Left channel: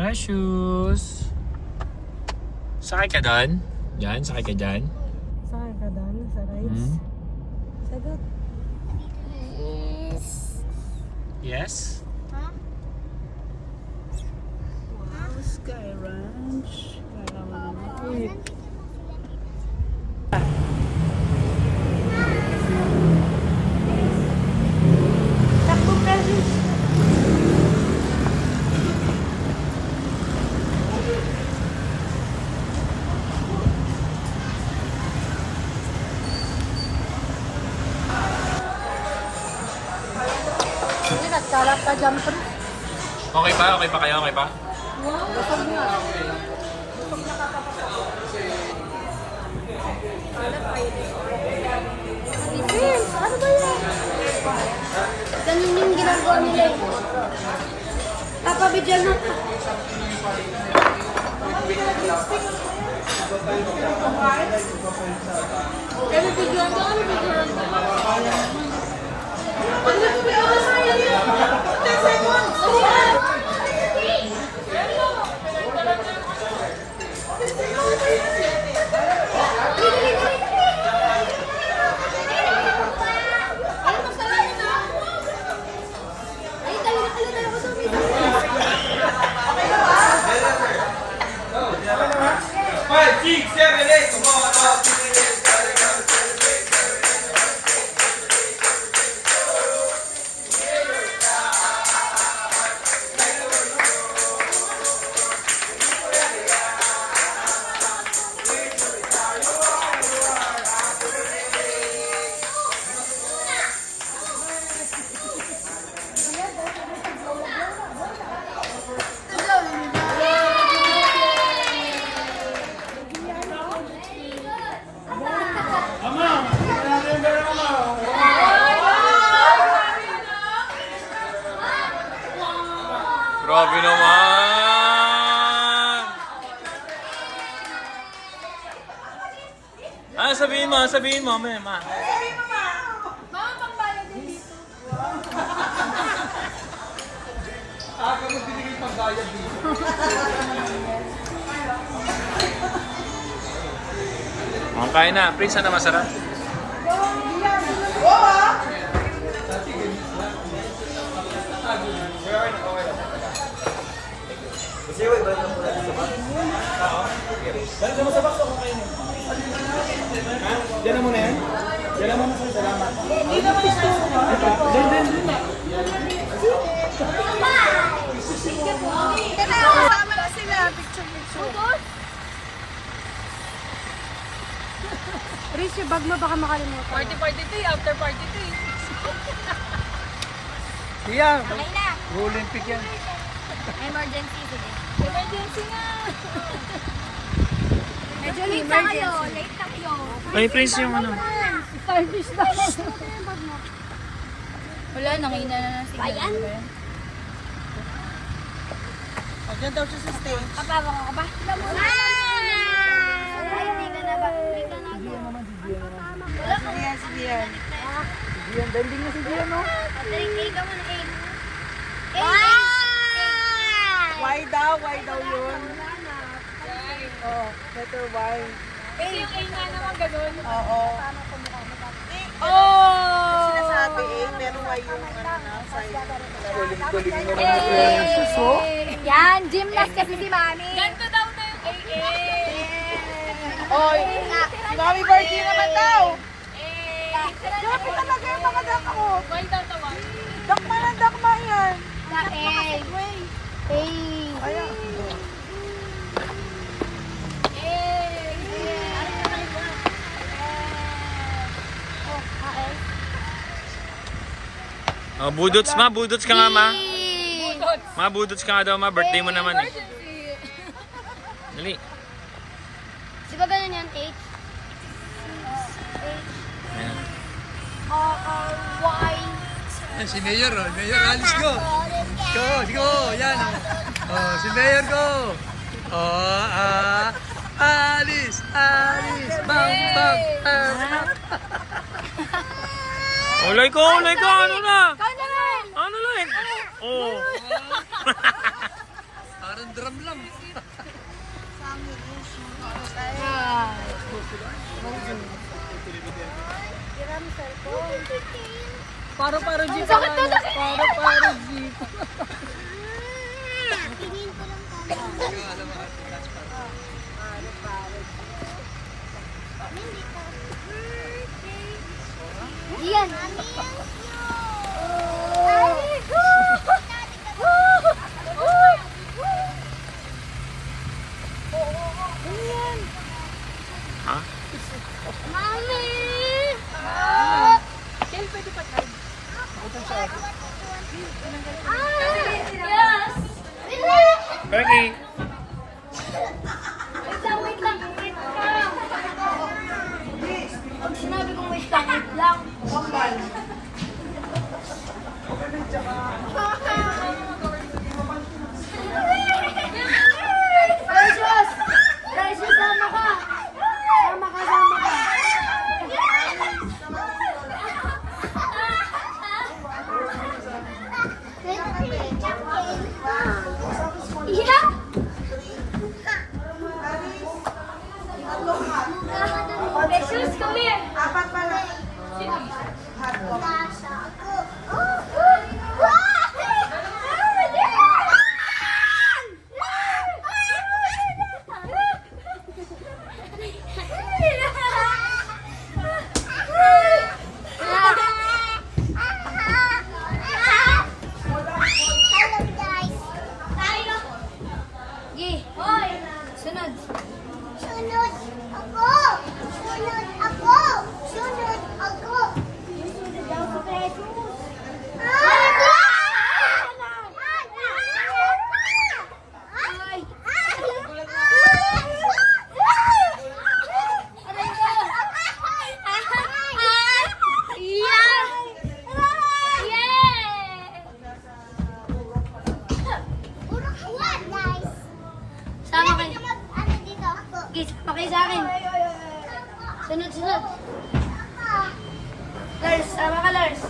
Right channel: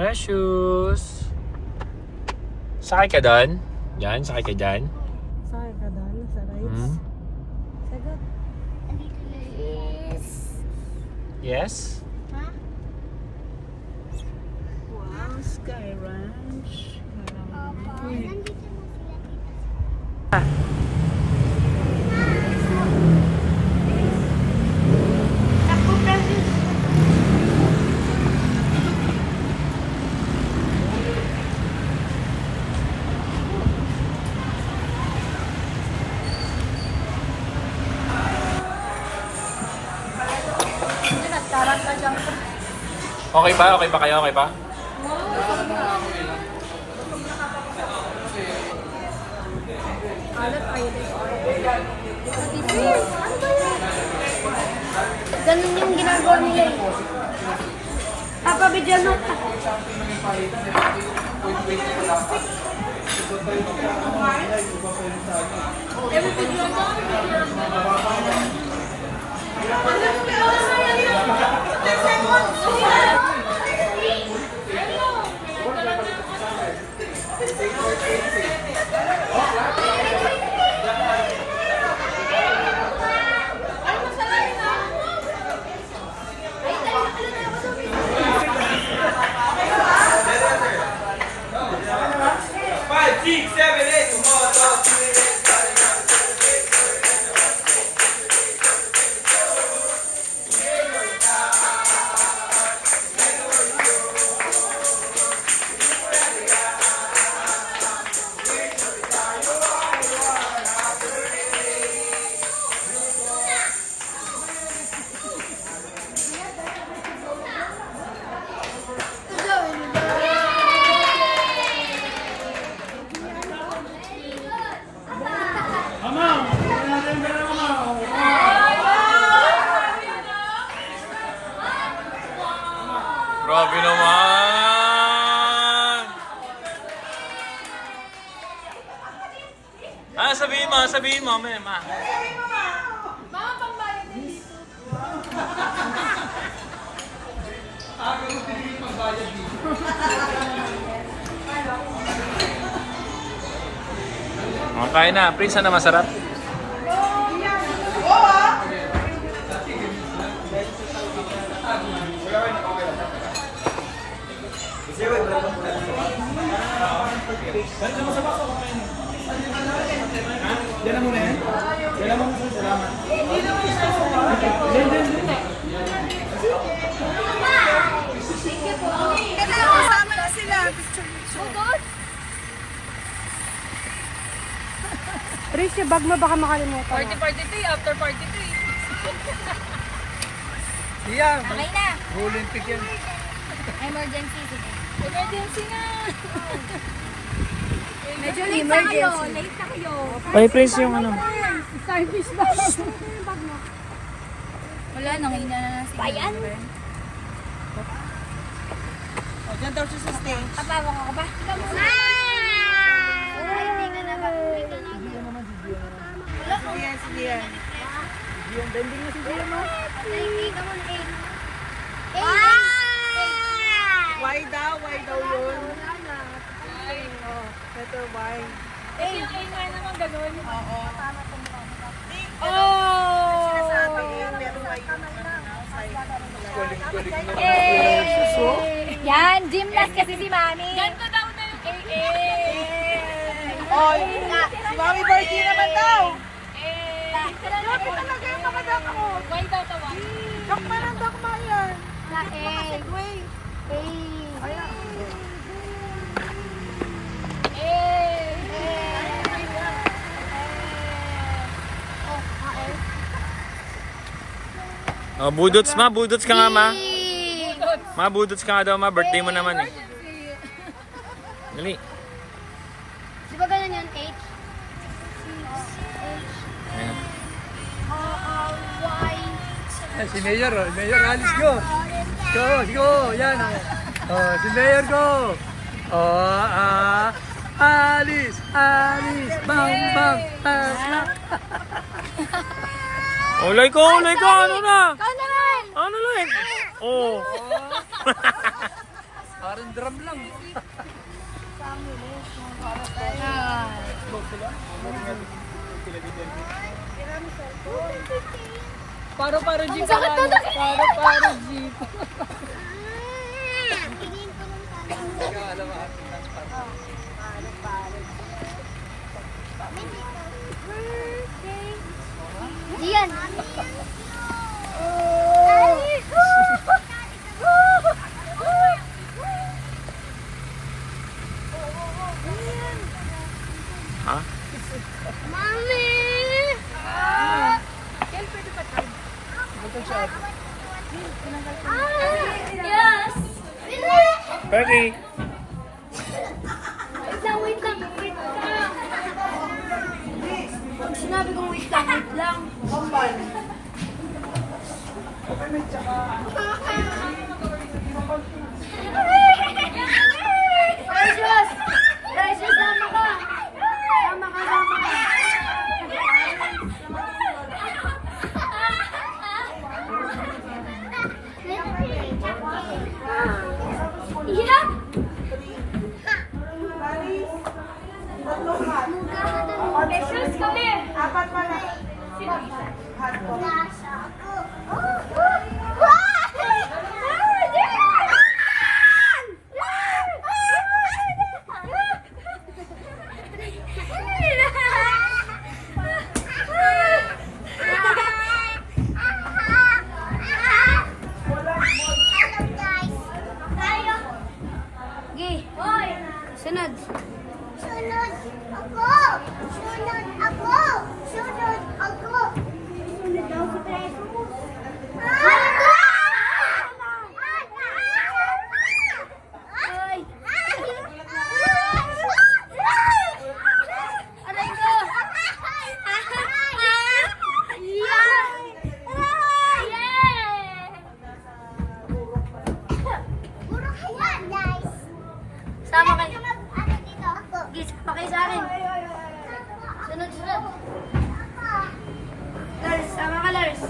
Precious! Sakay ka doon? Yan, sakay ka dyan. Sakay ka doon sa rides? Sagot. Yes? Wow, Sky Ranch. Kala mo naman. Uy. Okay pa? Okay pa kayo? Okay pa? Ganun yung ginagawa nila eh. Papabidyan mo. Grabe naman! Sabihin mo, ma. Kain na. Prince, na masarap? Yan na muna yan? Yan na muna sa'yo, salamat. Riz, yung bag mo baka makalimutan. Party 2, after party 2. Kuya, Okay na. Olympic yan. Emergency, sige. Emergency na! Medyo late na kayo. Late na kayo. Ay, Prince, yung ano. Service ba? Yung bag mo. Wala, nangina na lang si Bayan? O, dyan daw siya sa stage. Papawang ako ba? Ikaw muna. Hindi ka na ba? Hindi ka na ba? Wala ko. Yes, Dian. Diyan, danding na si Diyan, no? Ikaw muna. Why daw yun? Oh, letter Y. Kasi yung A nga naman ganun. Oo. Oh! Sinasabi A, pero Y yung nasa Yan, gymnast kasi si Mami. Ganto daw na yung A. Oy, si Mami birthday naman daw. Bakit talaga yung mga dako? Y daw to Y. Dakma lang, dakma yan. Dakma ka segway. Oh, budots ka nga, ma. Ma, budots ka nga daw, ma. Birthday mo naman eh. Dali. Di ba ganun yan, H? Ayan. Y. Yan, si Mayor, oh. Mayor, alis go. Go, yan. Oh, si Mayor, go. Oh, alis. Bam. Ulay ko. Ano na? Ano naman? Ano lang? Oh. Parang drum lang. Paro-paro jeep pa lang. Paro-paro jeep. Tingin ko lang tayo. Diyan. Ha? Mami! Yes! Perky! Wait lang. Pag sinabi kong wait lang. Precious! Precious, sama ka! Sama ka! Yeah! Precious, come here! Apat pa lang. Gi, sunod. Sunod ako! Sunod ako! Sunod ako! Sunod ako, preso. Ay! Aray ko! Puro kawan, guys! Sama kayo. Ano dito ako? Gi, sama kayo sa akin. Sunod. Lars, sama ka, Lars.